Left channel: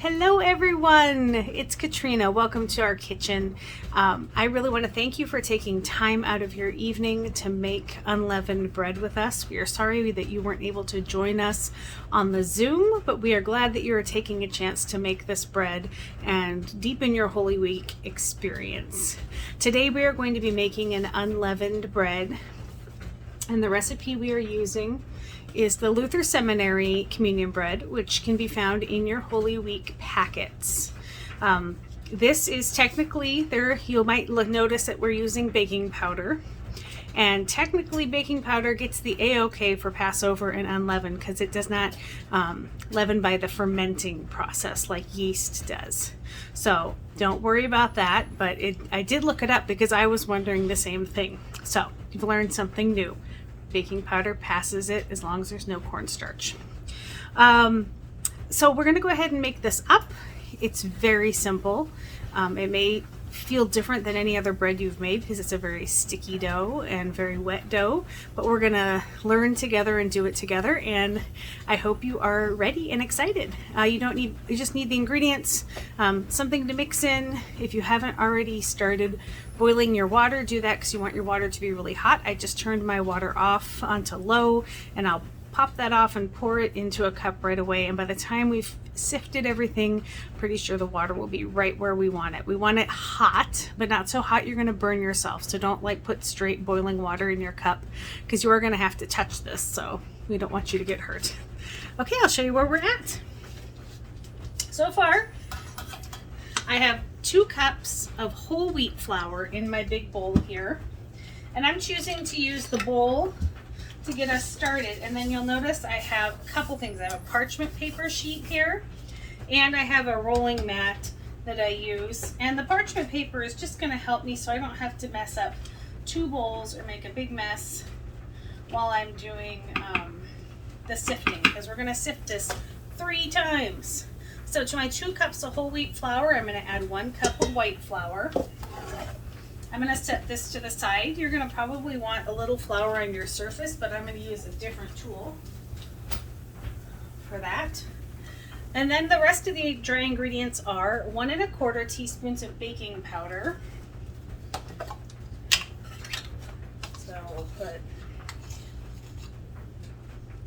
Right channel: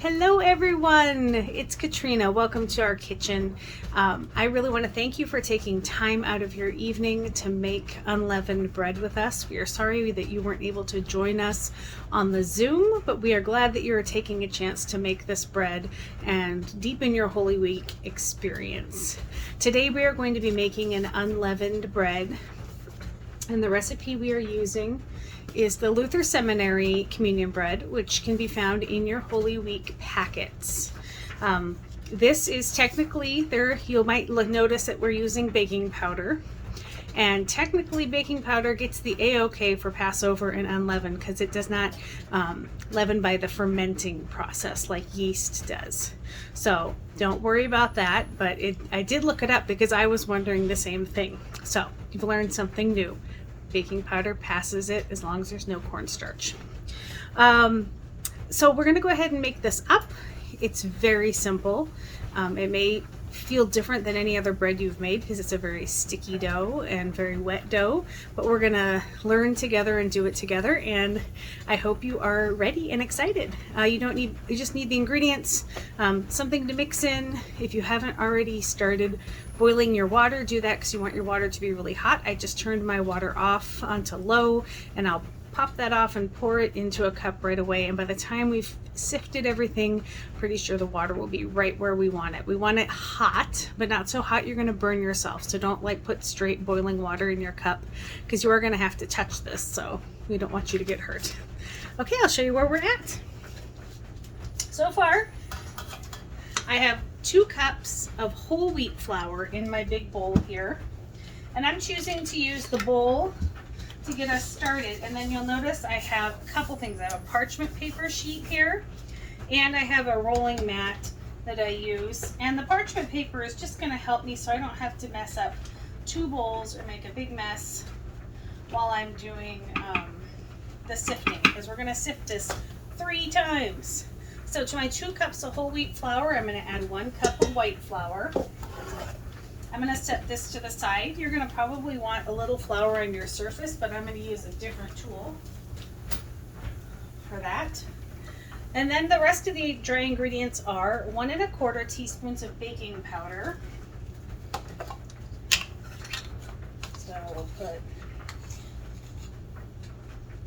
Hello everyone, it's Katrina. Welcome to our kitchen. I really want to thank you for taking time out of your evening to make unleavened bread with us. We are sorry that you weren't able to join us on the Zoom, but we are glad that you are taking a chance to make this bread and deepen your Holy Week experience. Today we are going to be making an unleavened bread, and the recipe we are using is the Luther Seminary communion bread, which can be found in your Holy Week packets. This is technically there. You might notice that we're using baking powder, and technically baking powder gets the A-OK for Passover and unleavened because it does not leaven by the fermenting process like yeast does. So don't worry about that, but I did look it up because I was wondering the same thing. So you've learned something new. Baking powder passes it as long as there's no cornstarch. So we're going to go ahead and make this up. It's very simple. It may feel different than any other bread you've made because it's a very sticky dough and very wet dough, but we're going to learn together and do it together, and I hope you are ready and excited. You just need the ingredients, something to mix in. If you haven't already started boiling your water, do that because you want your water to be really hot. I just turned my water off onto low, and I'll pop that off and pour it into a cup right away, and by the time we've sifted everything, pretty sure the water will be right where we want it. We want it hot, but not so hot you're going to burn yourself. So don't put straight boiling water in your cup because you are going to have to touch this, so we don't want you to get hurt. Okay, I'll show you where we're at. So far I have 2 cups of whole wheat flour in my big bowl here, and I'm choosing to use the bowl to get us started. And then you'll notice I have a couple things. I have a parchment paper sheet here, and I have a rolling mat that I use, and the parchment paper is just going to help me so I don't have to mess up 2 bowls or make a big mess while I'm doing the sifting, because we're going to sift this 3 times. So to my 2 cups of whole wheat flour, I'm going to add 1 cup of white flour. I'm going to set this to the side. You're going to probably want a little flour on your surface, but I'm going to use a different tool for that. And then the rest of the dry ingredients are 1 1/4 teaspoons of baking powder. So we'll put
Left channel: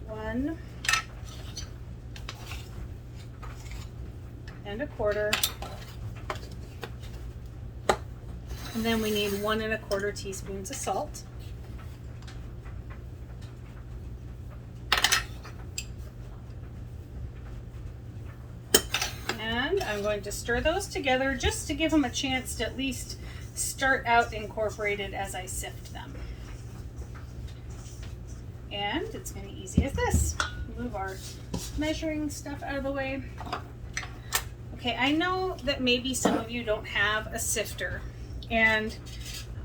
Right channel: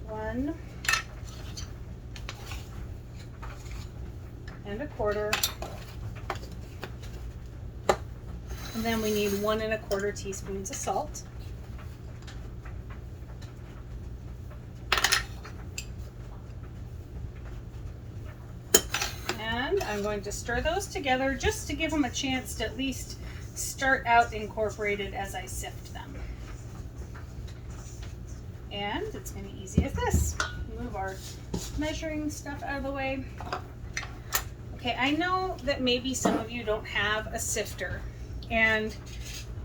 1 1/4. And then we need 1 1/4 teaspoons of salt. And I'm going to stir those together just to give them a chance to at least start out incorporated as I sift them. And it's going to be easy as this. Move our measuring stuff out of the way. Okay, I know that maybe some of you don't have a sifter, and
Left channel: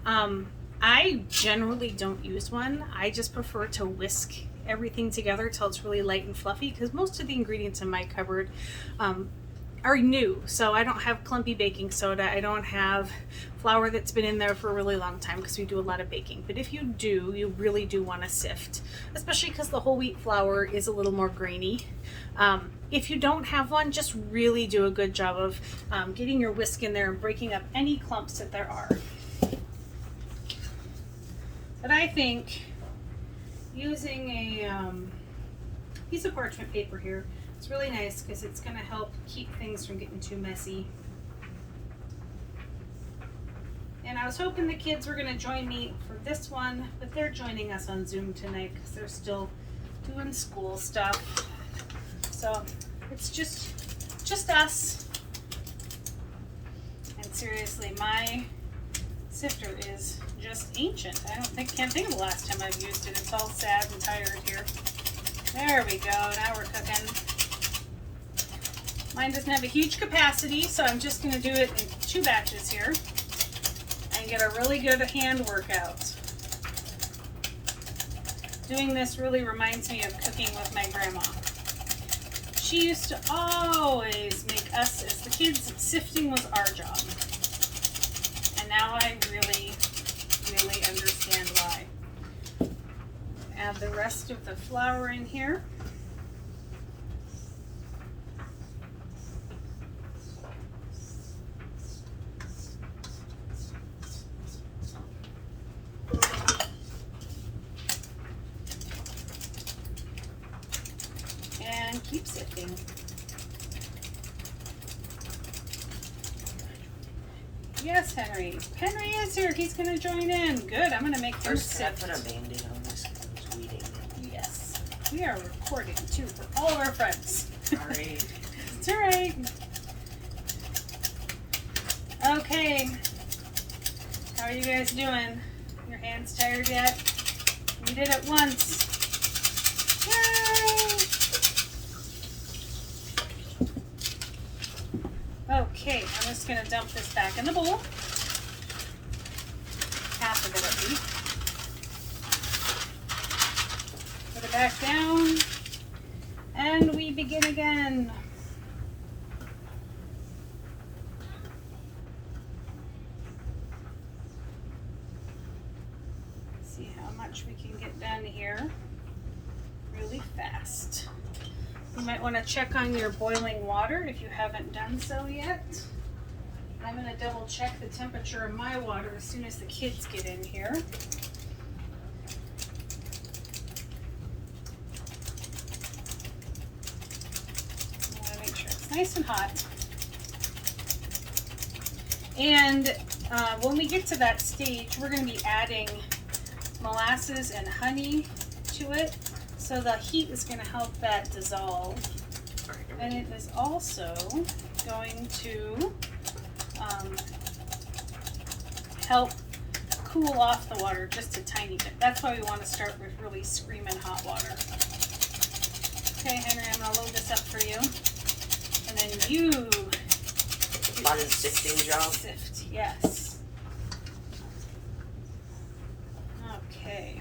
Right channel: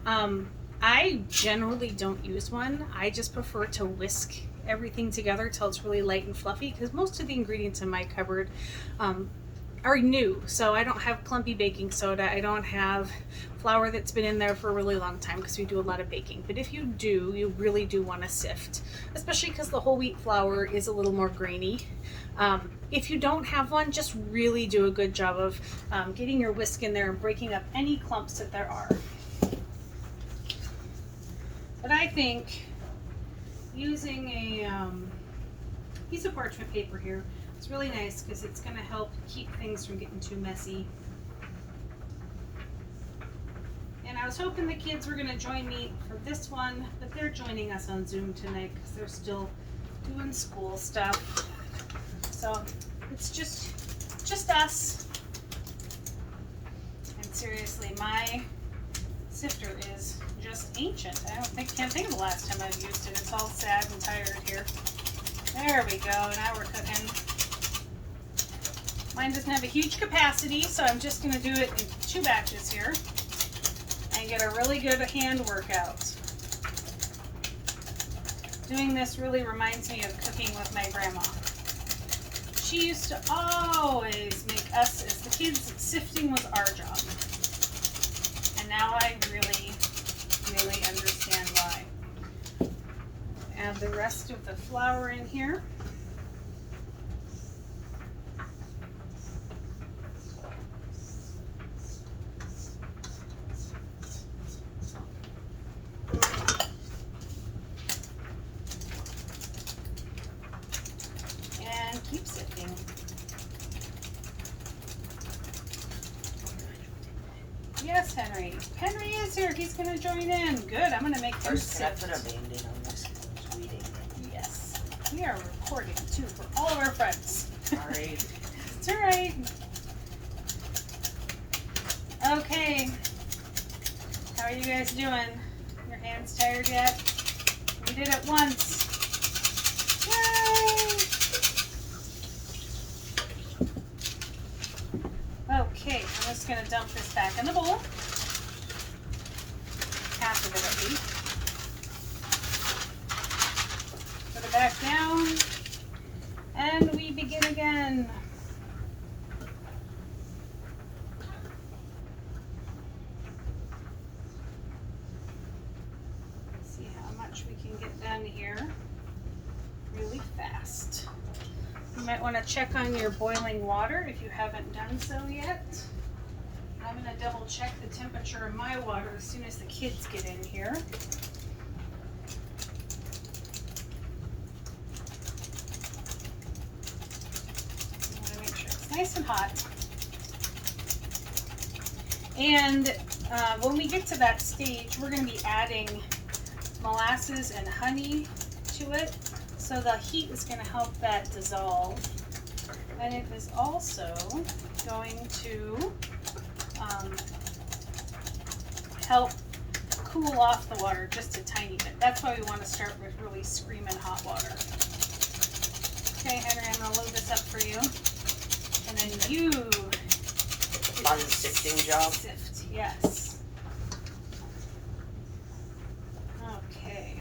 I generally don't use one. I just prefer to whisk everything together till it's really light and fluffy, because most of the ingredients in my cupboard are new. So I don't have clumpy baking soda. I don't have flour that's been in there for a really long time because we do a lot of baking. But if you do, you really do want to sift, especially because the whole wheat flour is a little more grainy. If you don't have one, just really do a good job of getting your whisk in there and breaking up any clumps that there are. But I think using a piece of parchment paper here is really nice because it's going to help keep things from getting too messy. And I was hoping the kids were going to join me for this one, but they're joining us on Zoom tonight because they're still doing school stuff. So it's just us. And seriously, my sifter is just ancient. Can't think of the last time I've used it. It's all sad and tired here. There we go. Now we're cooking. Mine doesn't have a huge capacity, so I'm just going to do it in 2 batches here and get a really good hand workout. Doing this really reminds me of cooking with my grandma. She used to always make us, as the kids, sifting was our job. And now I really understand why. Add the rest of the flour in here. Yes, Henry. Henry is here. He's going to join in. Good. I'm going to make him First, can I sift. put a Band-Aid on this? It's weeding. Yes. We are recording, too, for all of our friends. Sorry. It's all right. Okay. How are you guys doing? Your hands tired yet? We did it once. Yay! Okay, I'm just going to dump this back in the bowl. Half of it at least. Put it back down. And we begin again. See how much we can get done here really fast. You might want to check on your boiling water if you haven't done so yet. I'm going to double check the temperature of my water as soon as the kids get in here. I'm going to make sure it's nice and hot. And when we get to that stage, we're going to be adding molasses and honey to it. So the heat is going to help that dissolve. And it is also going to help cool off the water just a tiny bit. That's why we want to start with really screaming hot water. Okay, Henry, I'm going to load this up for you. And then you Fun sifting job. sift, yes. Okay.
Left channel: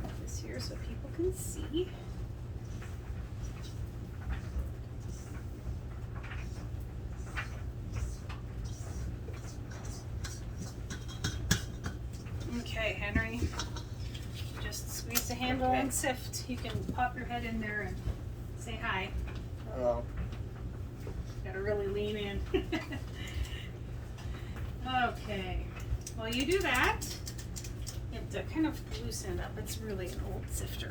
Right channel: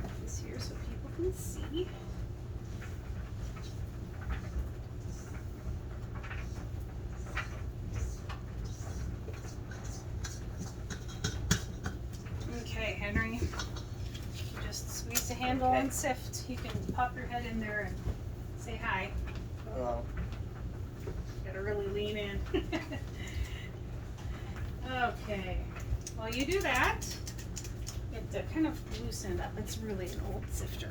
Put this here so people can see. Okay, Henry. Just squeeze the handle and sift. You can pop your head in there and say hi. Hello. Gotta really lean in. Okay. While you do that, you have to kind of loosen it up. It's really an old sifter.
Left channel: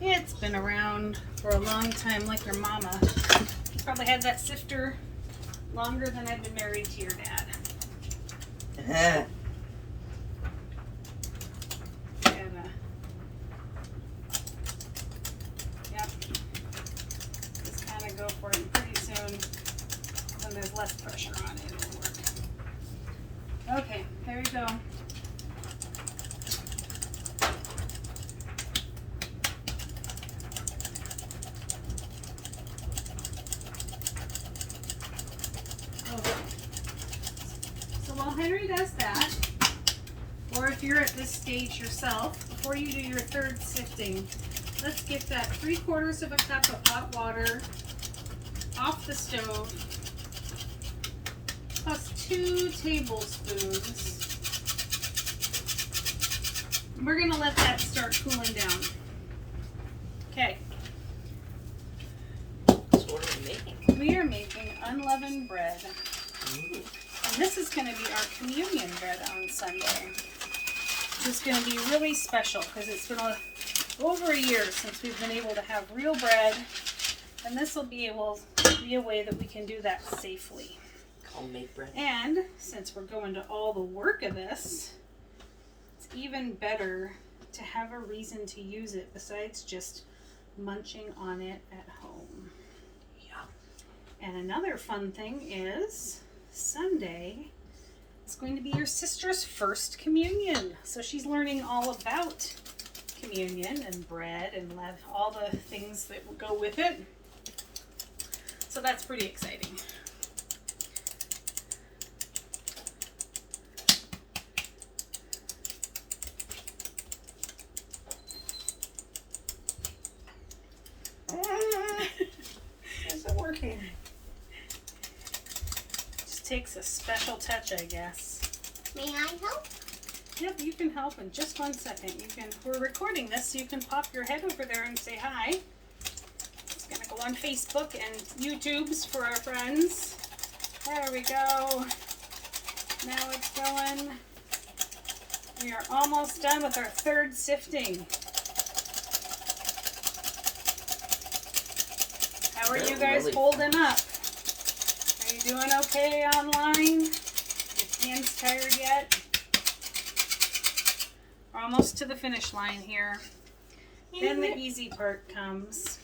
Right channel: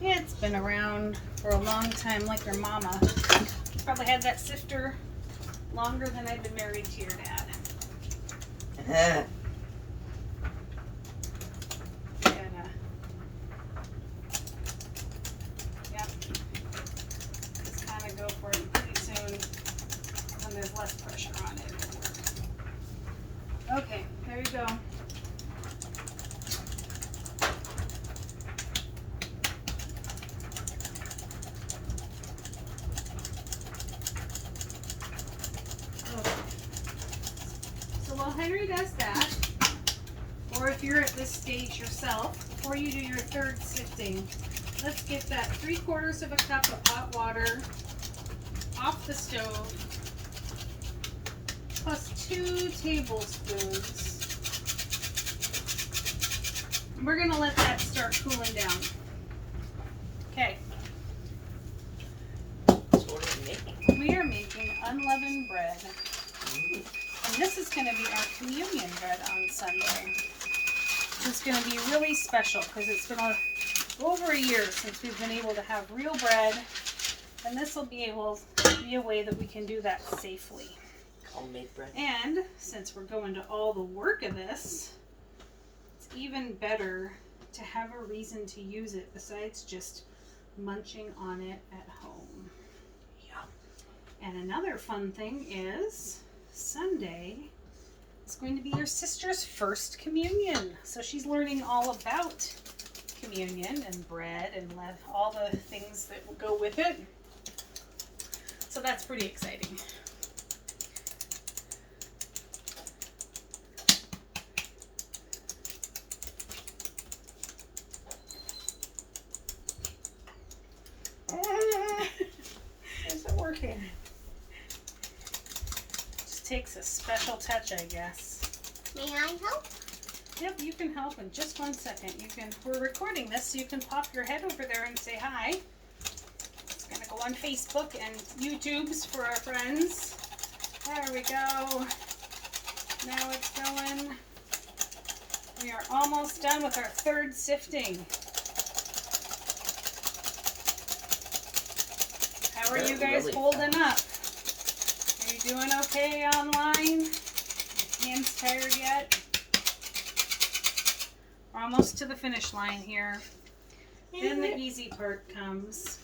Yeah, it's been around for a long time, like your mama. Probably had that sifter longer than I've been married to your dad. Just kind of go for it pretty soon when there's less pressure on it. It'll work. Okay, there you go. So while Henry does that, or if you're at this stage yourself, before you do your third sifting, let's get that 3/4 of a cup of hot water off the stove, plus 2 tablespoons. We're going to let that start cooling down. Okay. So what are you making? We are making unleavened bread. Ooh. And this is going to be our communion bread on Sunday. It's going to be really special because it's been over a year since we've been able to have real bread. And this will be able to be a way that we can do that safely. Homemade bread. And since we're going to all the work of this, it's even better to have a reason to use it besides just munching on it at home. Yeah. And another fun thing is Sunday is going to be your sister's first communion. So she's learning all about communion and bread and all the things that will go with it. So that's pretty exciting. Is it working? Just takes a special touch, I guess. May I help? Yep, you can help in just 1 second. We're recording this, so you can pop your head over there and say hi. It's gonna go on Facebook and YouTube's for our friends. There we go. Now it's going. We are almost done with our third sifting. How are you guys holding up? Are you doing okay online? Your hands tired yet? We're almost to the finish line here. Then the easy part comes.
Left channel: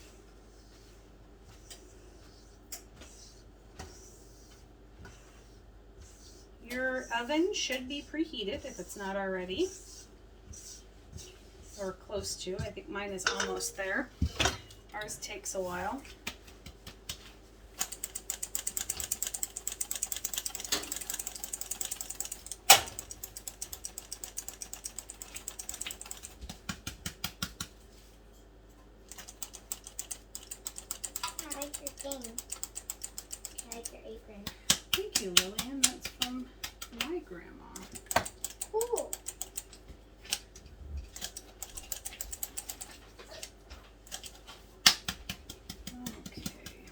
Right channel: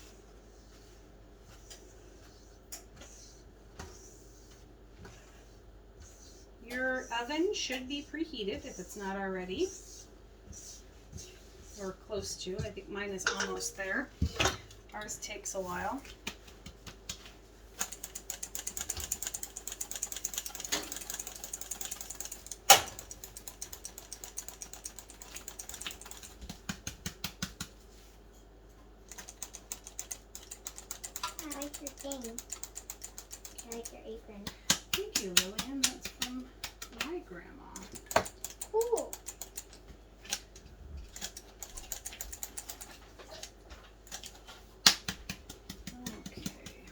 Your oven should be preheated if it's not already. Or close to. I think mine is almost there. Ours takes a while. I like your thing. I like your apron. Thank you, Lillian. That's from my grandma. Cool. Okay.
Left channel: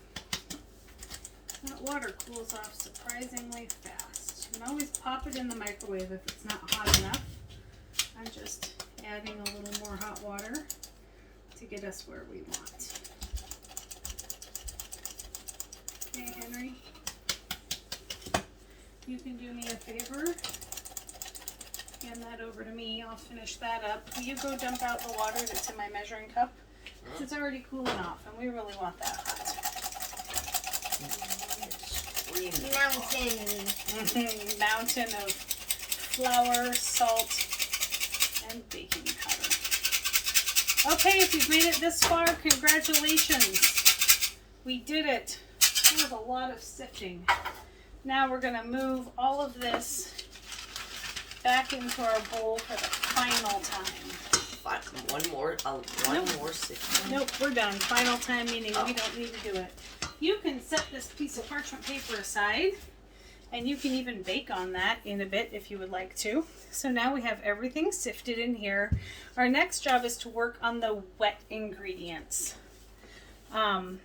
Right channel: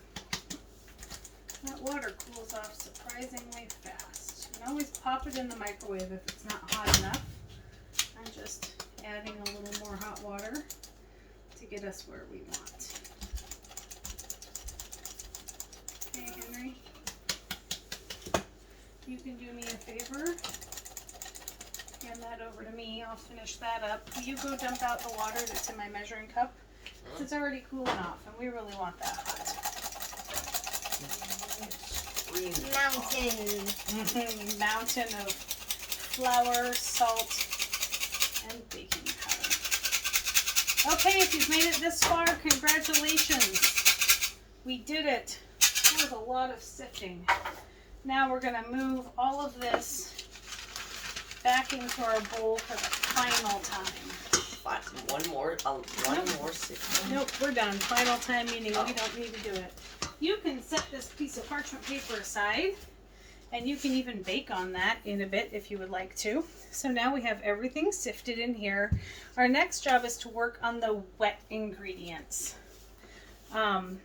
That water cools off surprisingly fast. You can always pop it in the microwave if it's not hot enough. I'm just adding a little more hot water to get us where we want. Okay, Henry. You can do me a favor. Hand that over to me. I'll finish that up. You go dump out the water that's in my measuring cup. It's already cooling off, and we really want that hot. Mountain. Mountain of flour, salt, and baking powder. Okay, if you've made it this far, congratulations. We did it. That was a lot of sifting. Now we're going to move all of this back into our bowl for the final time. One more sip. Nope, we're done. Final time meaning we don't need to do it. You can set this piece of parchment paper aside, and you can even bake on that in a bit if you would like to. So now we have everything sifted in here. Our next job is to work on the wet ingredients and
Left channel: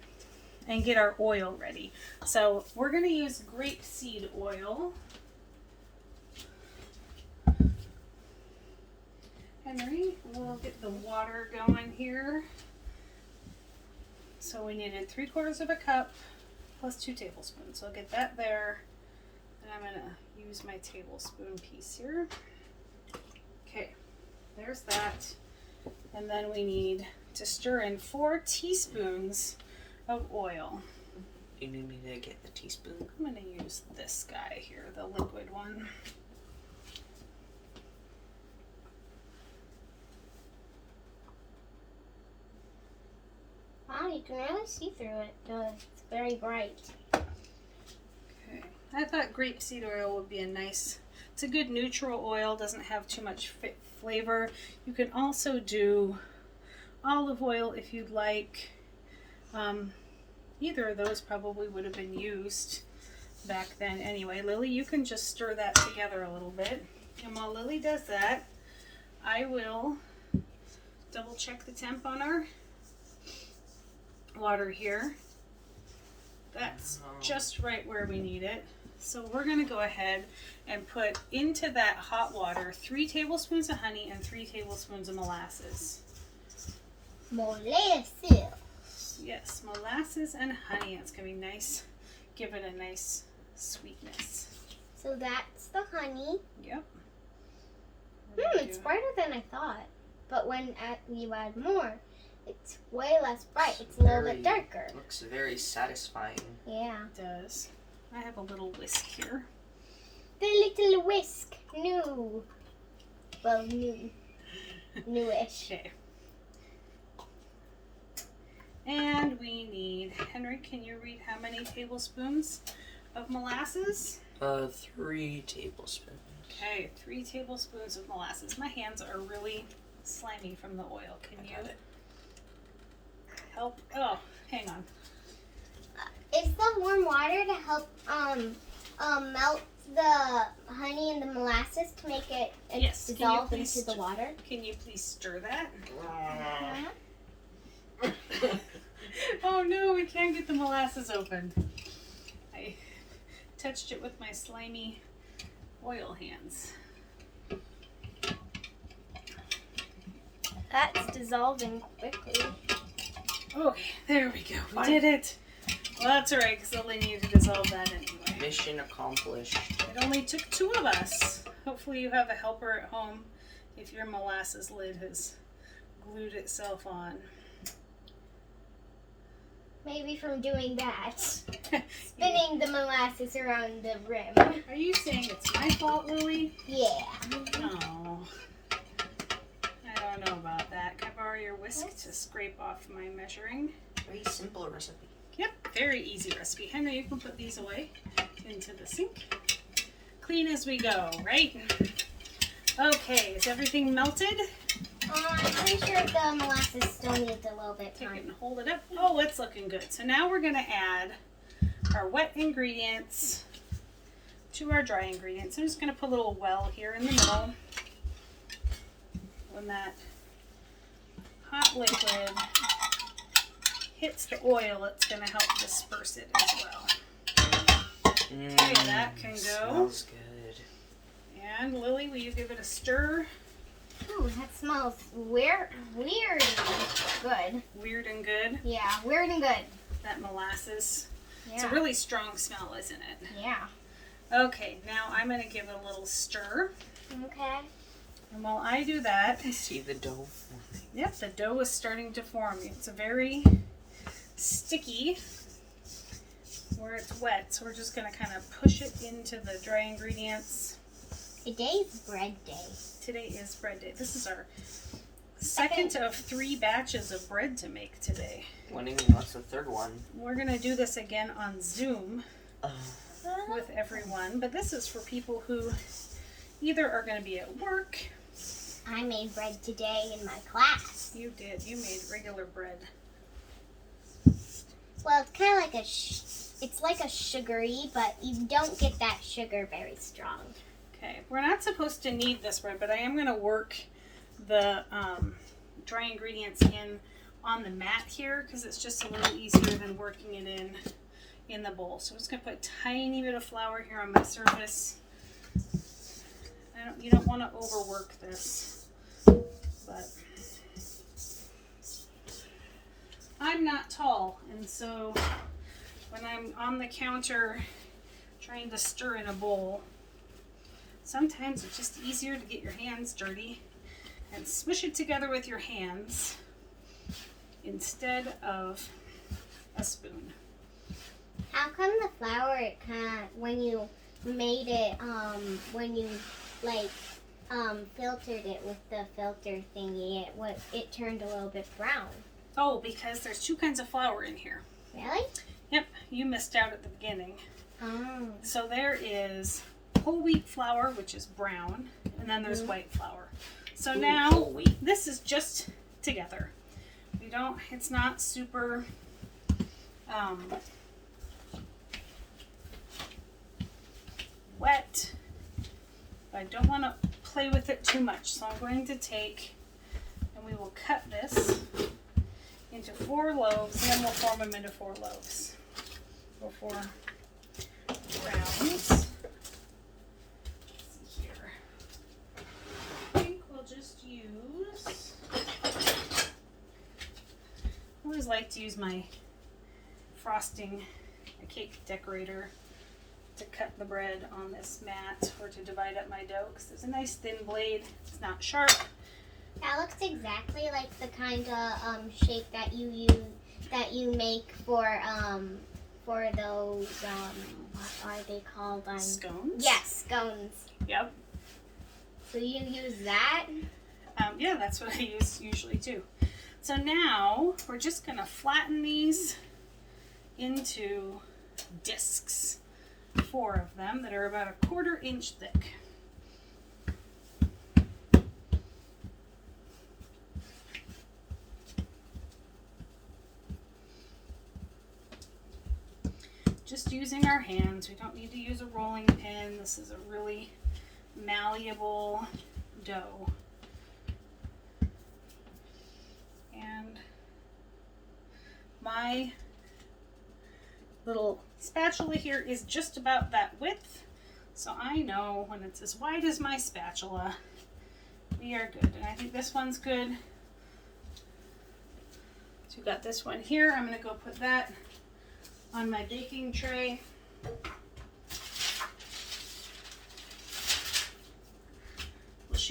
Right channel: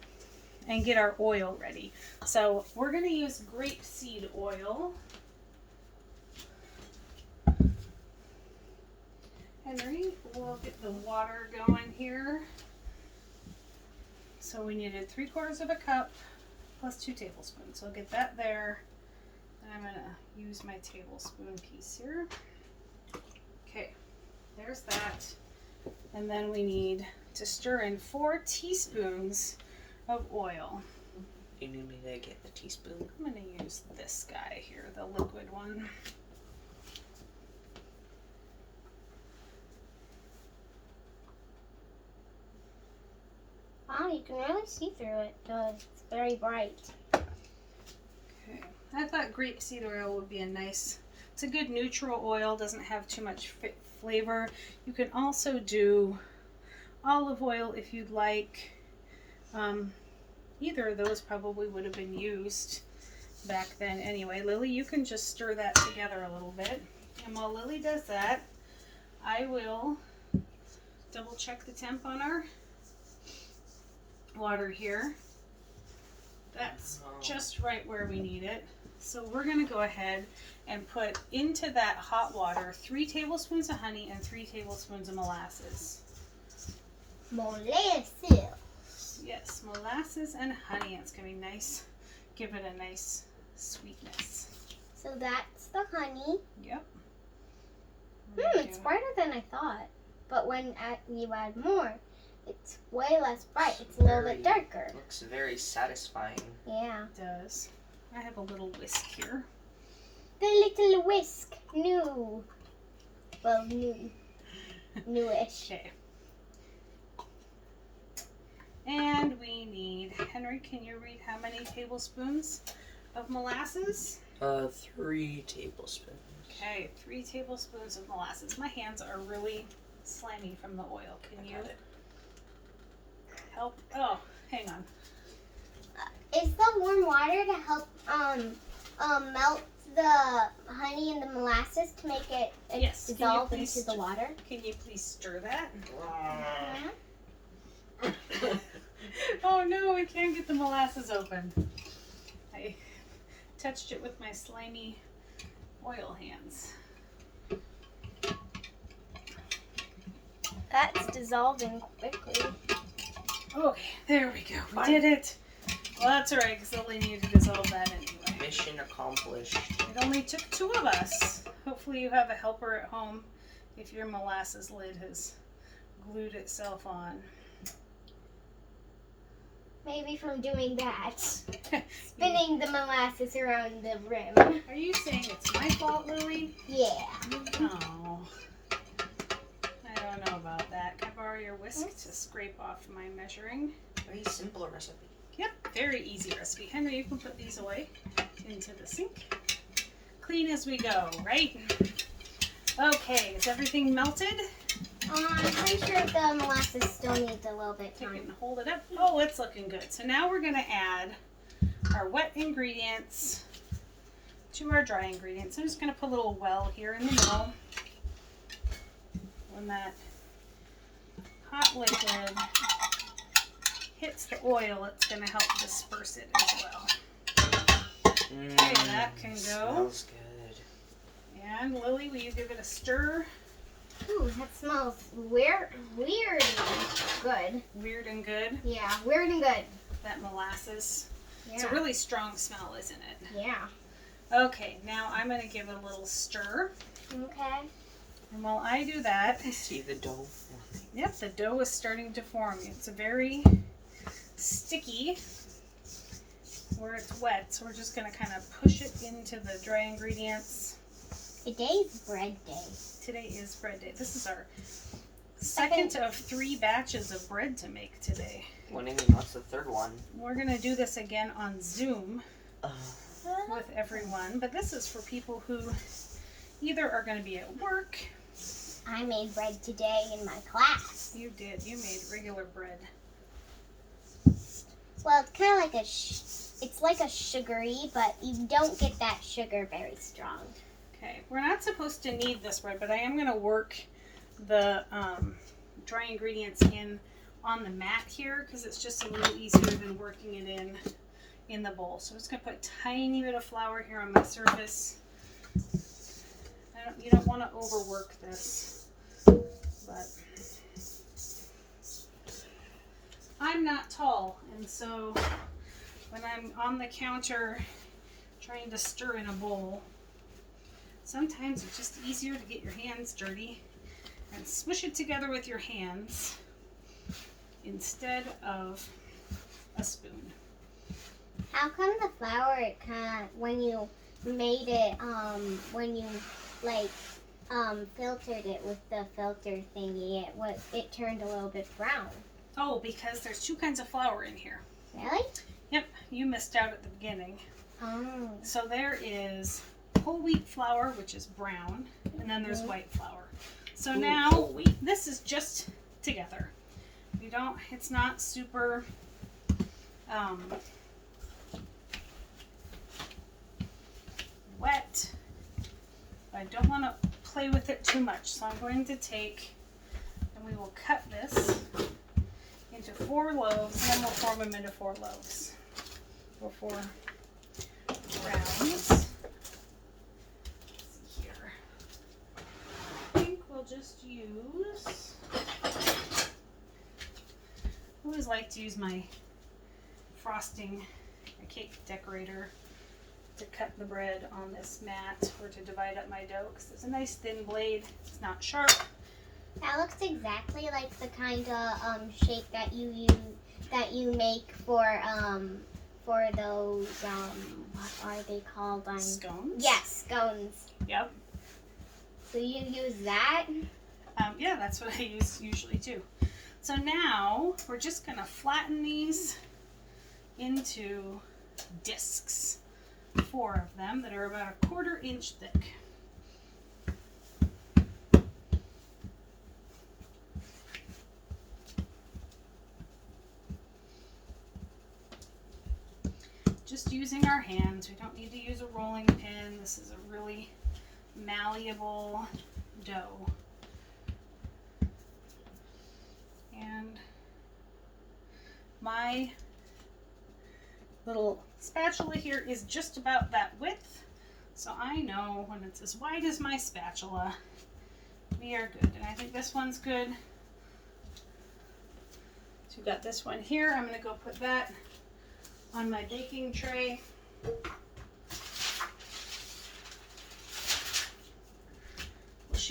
get our oil ready. So we're going to use grapeseed oil. Henry, we'll get the water going here. So we needed 3/4 of a cup plus 2 tablespoons. So I'll get that there. And I'm gonna use my tablespoon piece here. Okay, there's that. And then we need to stir in 4 teaspoons of oil. You need me to get the teaspoon? I'm gonna use this guy here, the liquid one. Wow, you can really see through it. It's very bright. Okay, I thought grapeseed oil would be a nice, it's a good neutral oil, doesn't have too much flavor. You can also do olive oil if you'd like. Either of those probably would have been used back then anyway. Lily, you can just stir that together a little bit. And while Lily does that, I will double check the temp on our water here. That's just right where we need it. So we're going to go ahead and put into that hot water 3 tablespoons of honey and 3 tablespoons of molasses. Molasses. Yes, molasses and honey. It's going to be nice. Give it a nice sweetness. So that's the honey. Yep. It's brighter than I thought. But when you add more, it's way less bright. It's a little bit darker. Looks very satisfying. Yeah. It does. I have a little whisk here. The little whisk. New. Well, new. Newish. Okay. And we need, Henry, can you read how many tablespoons of molasses? 3 tablespoons. Okay, 3 tablespoons of molasses. My hands are really slimy from the oil. Can you help? Oh, hang on. Is the warm water to help melt the honey and the molasses to make it Yes, can you dissolve please into the water? Can you please stir that? Oh no, we can't get the molasses open. I touched it with my slimy oil hands. That's dissolving quickly. Okay, there we go. We did it. Well, that's alright, because they'll need to dissolve that anyway. Mission accomplished. It only took 2 of us. Hopefully you have a helper at home if your molasses lid has glued itself on. Maybe from doing that. Spinning the molasses around the rim. Are you saying it's my fault, Lily? Yeah. Oh. I don't know about that. Can I borrow your whisk to scrape off my measuring? Very simple recipe. Yep, very easy recipe. Henry, you can put these away into the sink. Clean as we go, right? Okay, is everything melted? I'm pretty sure the molasses still needs a little bit Take it time. and hold it up. Oh, it's looking good. So now we're going to add our wet ingredients to our dry ingredients. I'm just going to put a little well here in the middle. When that hot liquid hits the oil, it's going to help disperse it as well. Okay, that can go. Smells good. And Lily, will you give it a stir? Ooh, that smells weird good. Weird and good. Yeah, weird and good. That molasses. Yeah. It's a really strong smell, isn't it? Yeah. Okay, now I'm going to give it a little stir. Okay. And while I do that, See the dough forming. yep, the dough is starting to form. It's very sticky where it's wet, so we're just going to kind of push it into the dry ingredients. Today's bread day. Today is bread day. This is our second of 3 batches of bread to make today. What's the third one? We're going to do this again on Zoom with everyone, but this is for people who either are going to be at work. I made bread today in my class. You did. You made regular bread. Well, it's kind of like it's like a sugary, but you don't get that sugar very strong. Okay, we're not supposed to knead this bread, but I am going to work the dry ingredients on the mat here because it's just a little easier than working it in the bowl. So I'm just going to put a tiny bit of flour here on my surface. You don't want to overwork this, but I'm not tall, and so when I'm on the counter trying to stir in a bowl, sometimes it's just easier to get your hands dirty and smush it together with your hands instead of a spoon. How come the flour, it kind of, when you made it, when you filtered it with the filter thingy, it turned a little bit brown? Oh, because there's 2 kinds of flour in here. Really? Yep, you missed out at the beginning. Oh. So there is whole wheat flour, which is brown, and then there's white flour. So now this is just together. It's not super wet. I don't want to play with it too much, so I'm going to take, and we will cut this into 4 loaves, and then we'll form them into 4 loaves, or 4 rounds. Let's see here. I think we'll just use, I always like to use my frosting, a cake decorator, to cut the bread on this mat or to divide up my dough because it's a nice thin blade. It's not sharp. That looks exactly like the kind of shape that you use, that you make for those what are they called? Scones? Yes, scones. Yep. So you use that? Yeah, that's what I usually do. So now we're just going to flatten these into discs. 4 of them that are about a 1/4 inch thick. Just using our hands. We don't need to use a rolling pin. This is a really malleable dough. And my little spatula here is just about that width, so I know when it's as wide as my spatula, we are good. And I think this one's good. So we've got this one here. I'm going to go put that on my baking tray.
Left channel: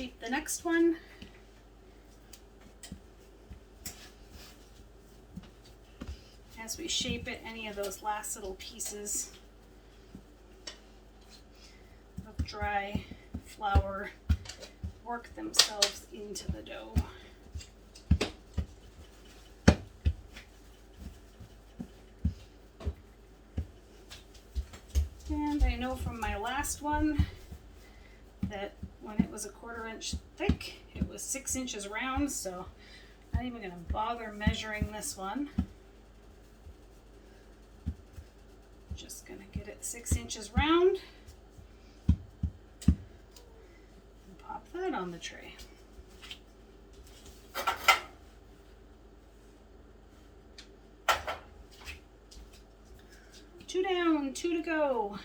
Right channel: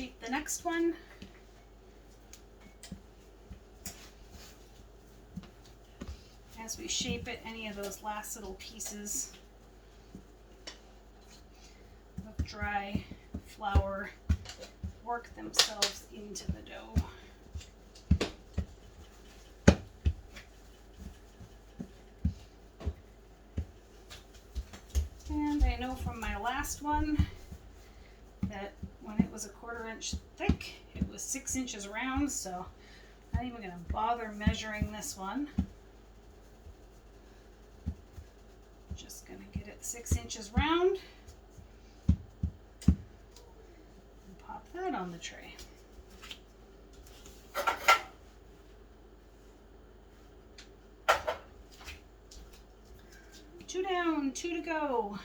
shape the next one. As we shape it, any of those last little pieces of dry flour work themselves into the dough. And I know from my last one that when it was a 1/4 inch thick, it was 6 inches round, so I'm not even going to bother measuring this one. Just going to get it 6 inches round and pop that on the tray. Two down, 2 to go.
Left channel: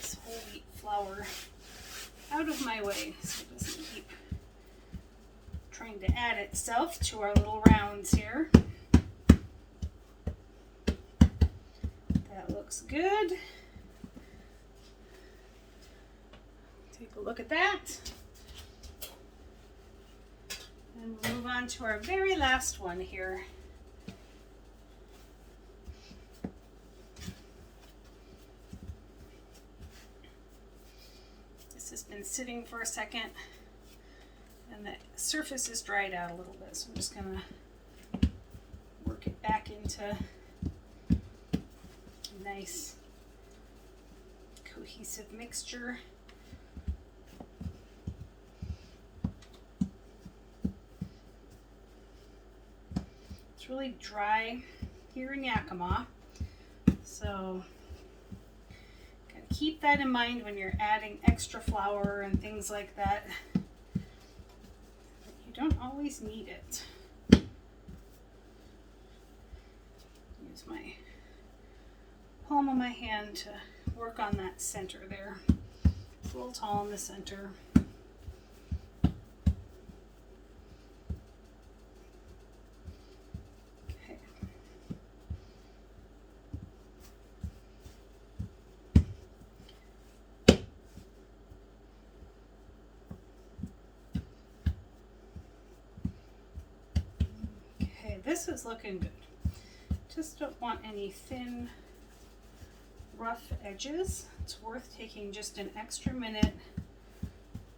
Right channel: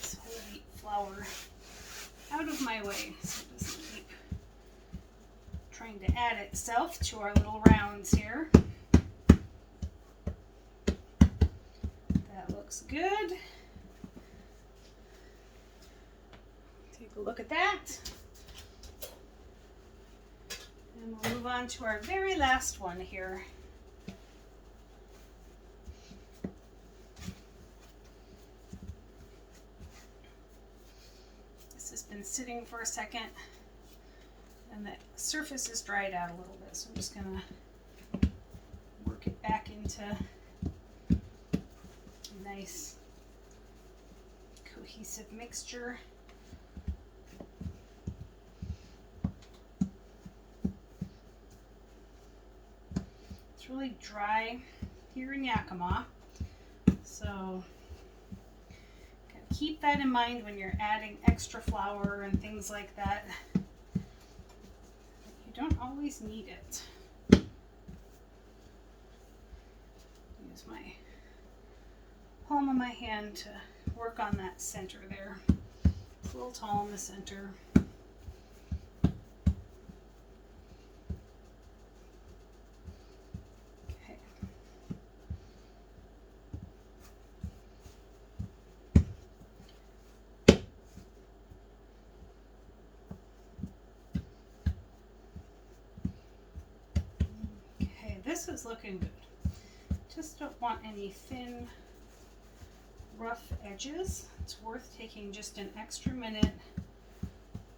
This whole wheat flour out of my way so it doesn't keep trying to add itself to our little rounds here. That looks good. Take a look at that. And we'll move on to our very last one here. This has been sitting for a second and the surface is dried out a little bit, so I'm just gonna work it back into a nice cohesive mixture. It's really dry here in Yakima, so keep that in mind when you're adding extra flour and things like that. You don't always need it. Use my palm of my hand to work on that center there. It's a little tall in the center. Okay. Okay, this is looking good. Just don't want any thin, rough edges. It's worth taking just an extra minute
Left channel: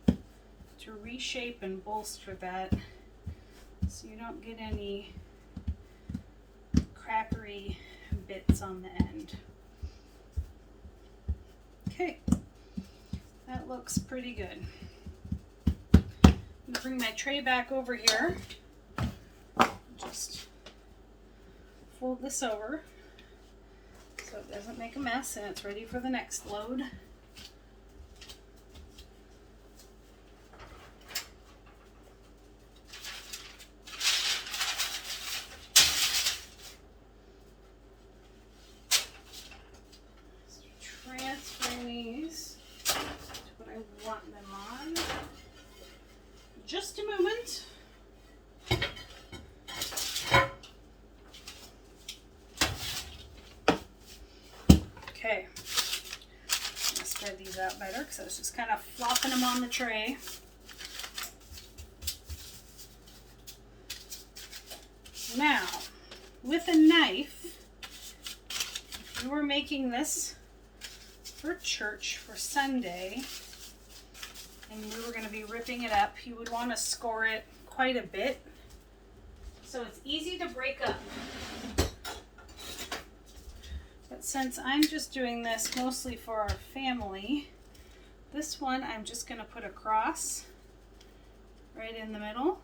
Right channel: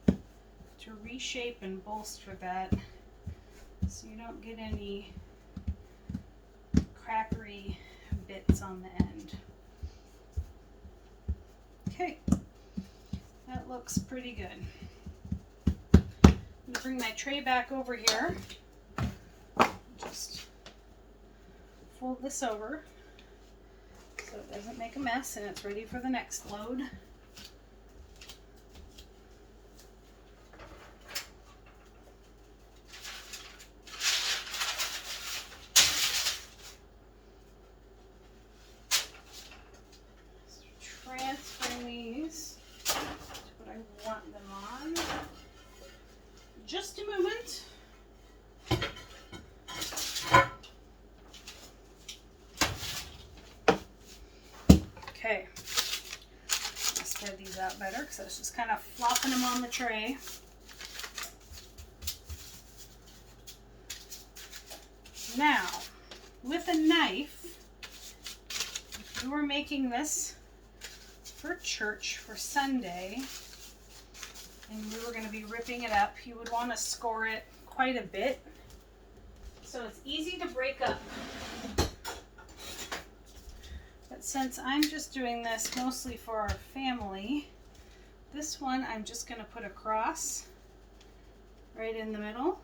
to reshape and bolster that so you don't get any crackery bits on the end. Okay, that looks pretty good. I'm going to bring my tray back over here. Just fold this over so it doesn't make a mess and it's ready for the next load. Transferring these to what I want them on. Just a moment. Okay, I'll spread these out better because I was just kind of flopping them on the tray. Now, with a knife, if you were making this for church for Sunday and you were going to be ripping it up, you would want to score it quite a bit so it's easy to break up. Since I'm just doing this mostly for our family, this one I'm just going to put across right in the middle.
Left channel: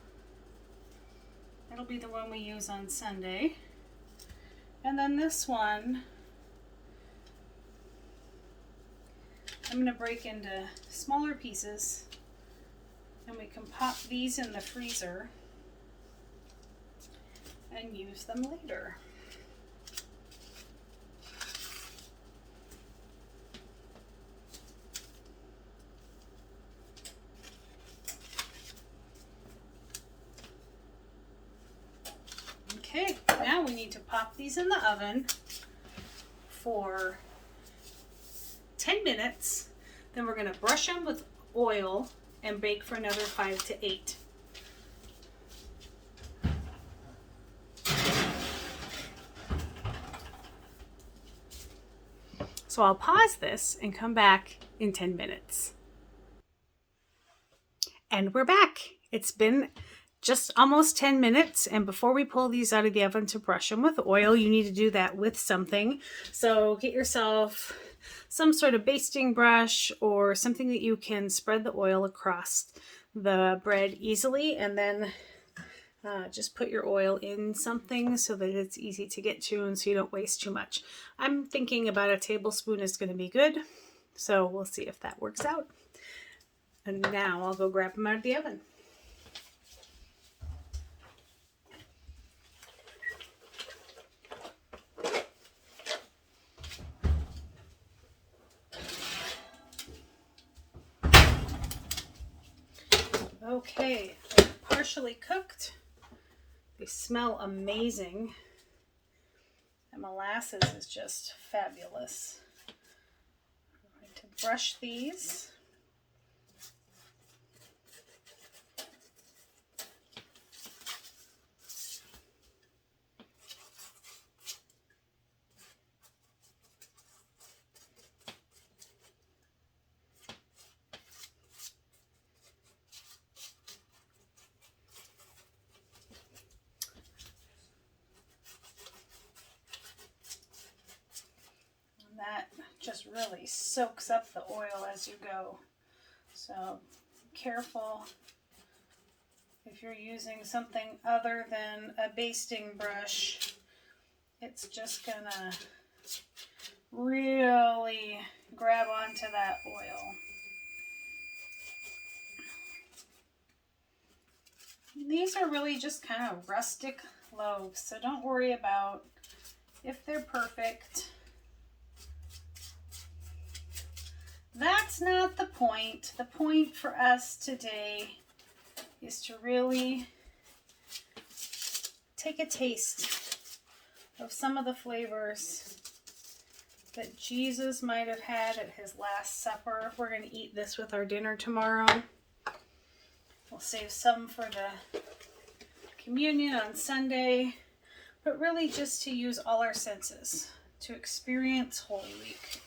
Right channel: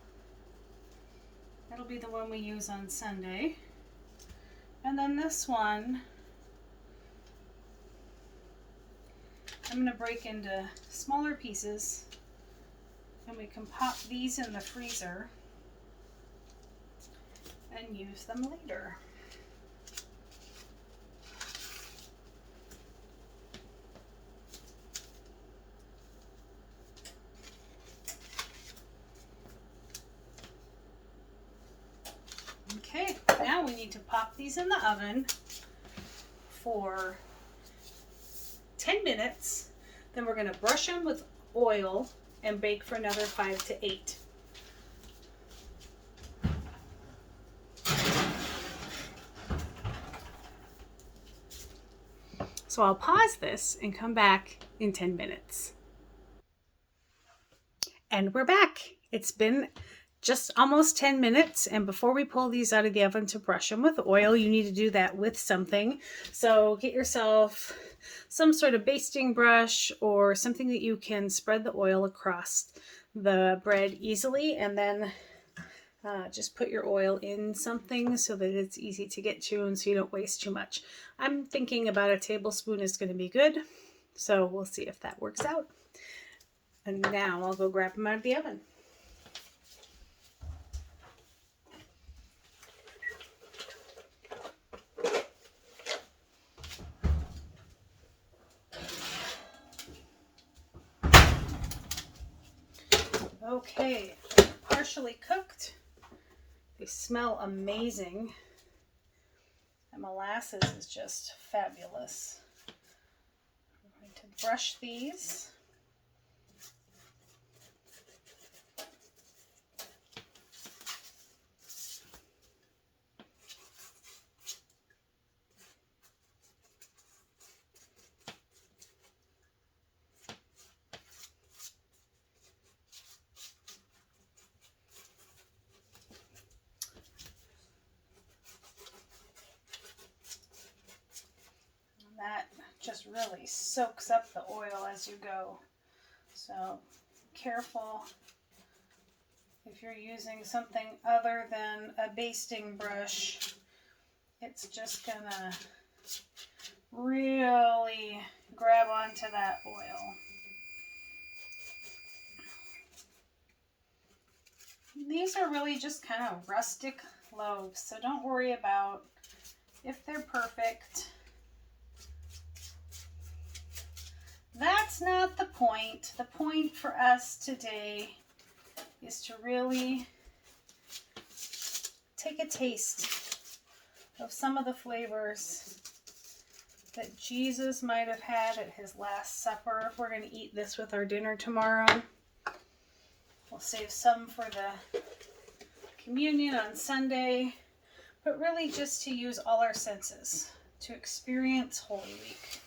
That'll be the one we use on Sunday. And then this one I'm going to break into smaller pieces and we can pop these in the freezer and use them later. Okay, now we need to pop these in the oven for 10 minutes. Then we're going to brush them with oil and bake for another 5 to 8. So I'll pause this and come back in 10 minutes. And we're back. It's been just almost 10 minutes, and before we pull these out of the oven to brush them with oil, you need to do that with something. So get yourself some sort of basting brush or something that you can spread the oil across the bread easily, and then just put your oil in something so that it's easy to get to and so you don't waste too much. I'm thinking about a tablespoon is going to be good, so we'll see if that works out. And now I'll go grab them out of the oven. Okay, they're partially cooked. They smell amazing. And molasses is just fabulous. I'm going to brush these. That just really soaks up the oil as you go. So careful if you're using something other than a basting brush. It's just gonna really grab onto that oil. These are really just kind of rustic loaves, so don't worry about if they're perfect. That's not the point. The point for us today is to really take a taste of some of the flavors that Jesus might have had at his Last Supper. We're going to eat this with our dinner tomorrow. We'll save some for the communion on Sunday, but really just to use all our senses to experience Holy Week.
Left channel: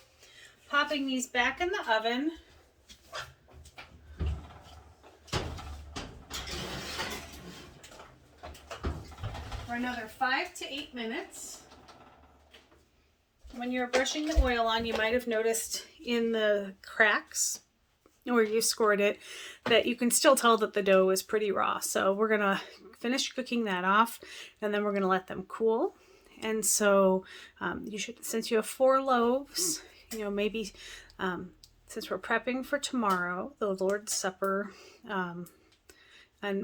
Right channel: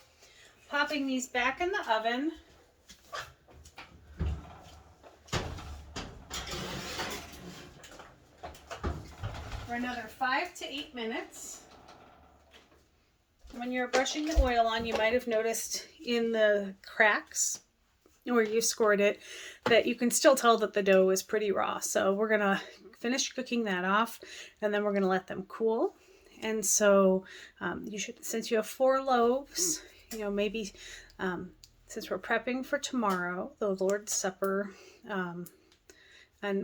Popping these back in the oven. For another 5 to 8 minutes. When you're brushing the oil on, you might have noticed in the cracks where you scored it that you can still tell that the dough is pretty raw. So we're gonna finish cooking that off, and then we're gonna let them cool. And so you should, since you have 4 loaves, you know, maybe since we're prepping for tomorrow, the Lord's Supper on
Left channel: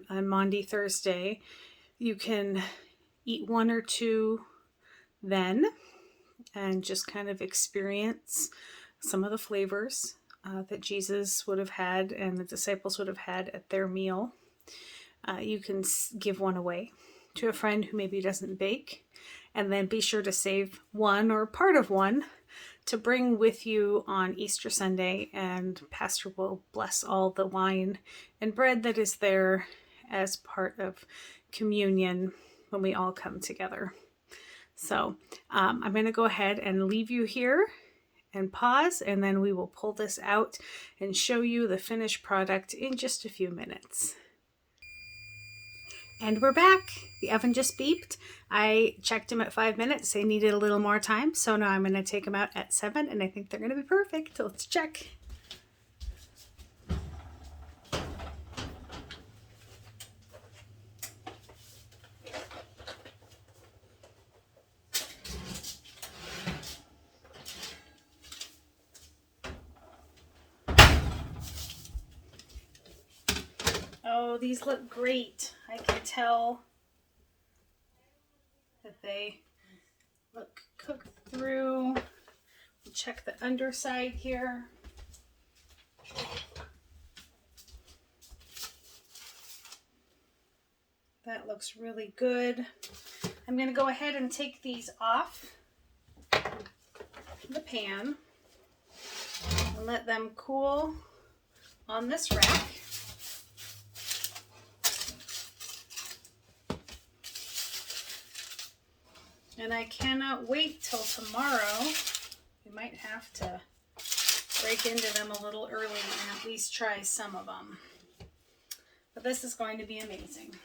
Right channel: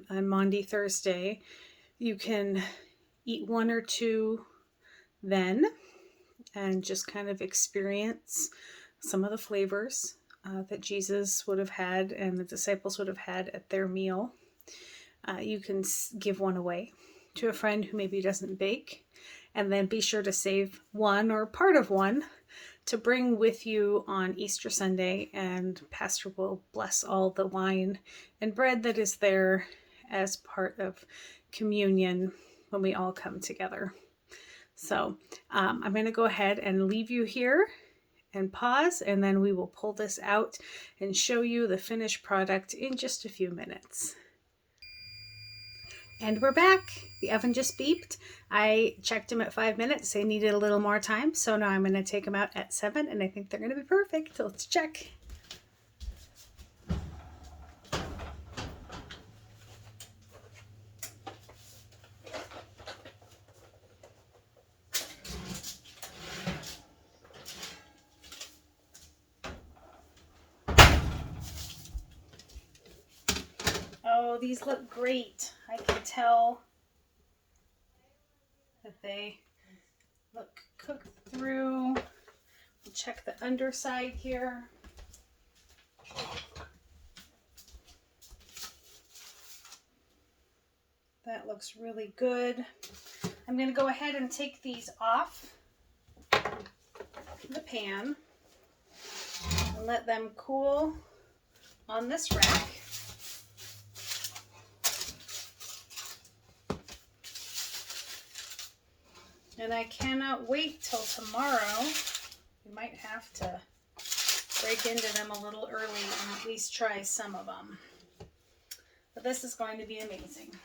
Maundy Thursday, you can eat 1 or 2 then and just kind of experience some of the flavors that Jesus would have had and the disciples would have had at their meal. You can give 1 away to a friend who maybe doesn't bake, and then be sure to save 1 or part of 1 to bring with you on Easter Sunday, and Pastor will bless all the wine and bread that is there as part of communion when we all come together. So I'm going to go ahead and leave you here and pause, and then we will pull this out and show you the finished product in just a few minutes. And we're back. The oven just beeped. I checked them at 5 minutes. They needed a little more time, so now I'm going to take them out at 7, and I think they're going to be perfect. So let's check. Oh, these look great. I can tell that they look cooked through. Check the underside here. That looks really good. I'm going to go ahead and take these off the pan and let them cool on this rack. And I cannot wait till tomorrow. We might have to break into them a little early and at least try some of them. But this is going to be amazing.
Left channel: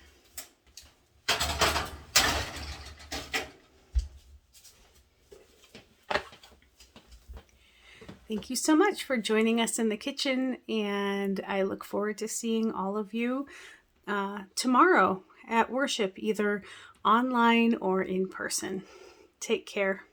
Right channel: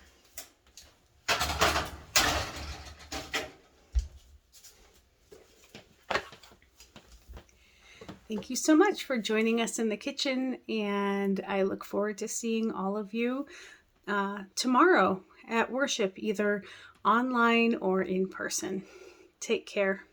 Thank you so much for joining us in the kitchen, and I look forward to seeing all of you tomorrow at worship, either online or in person. Take care.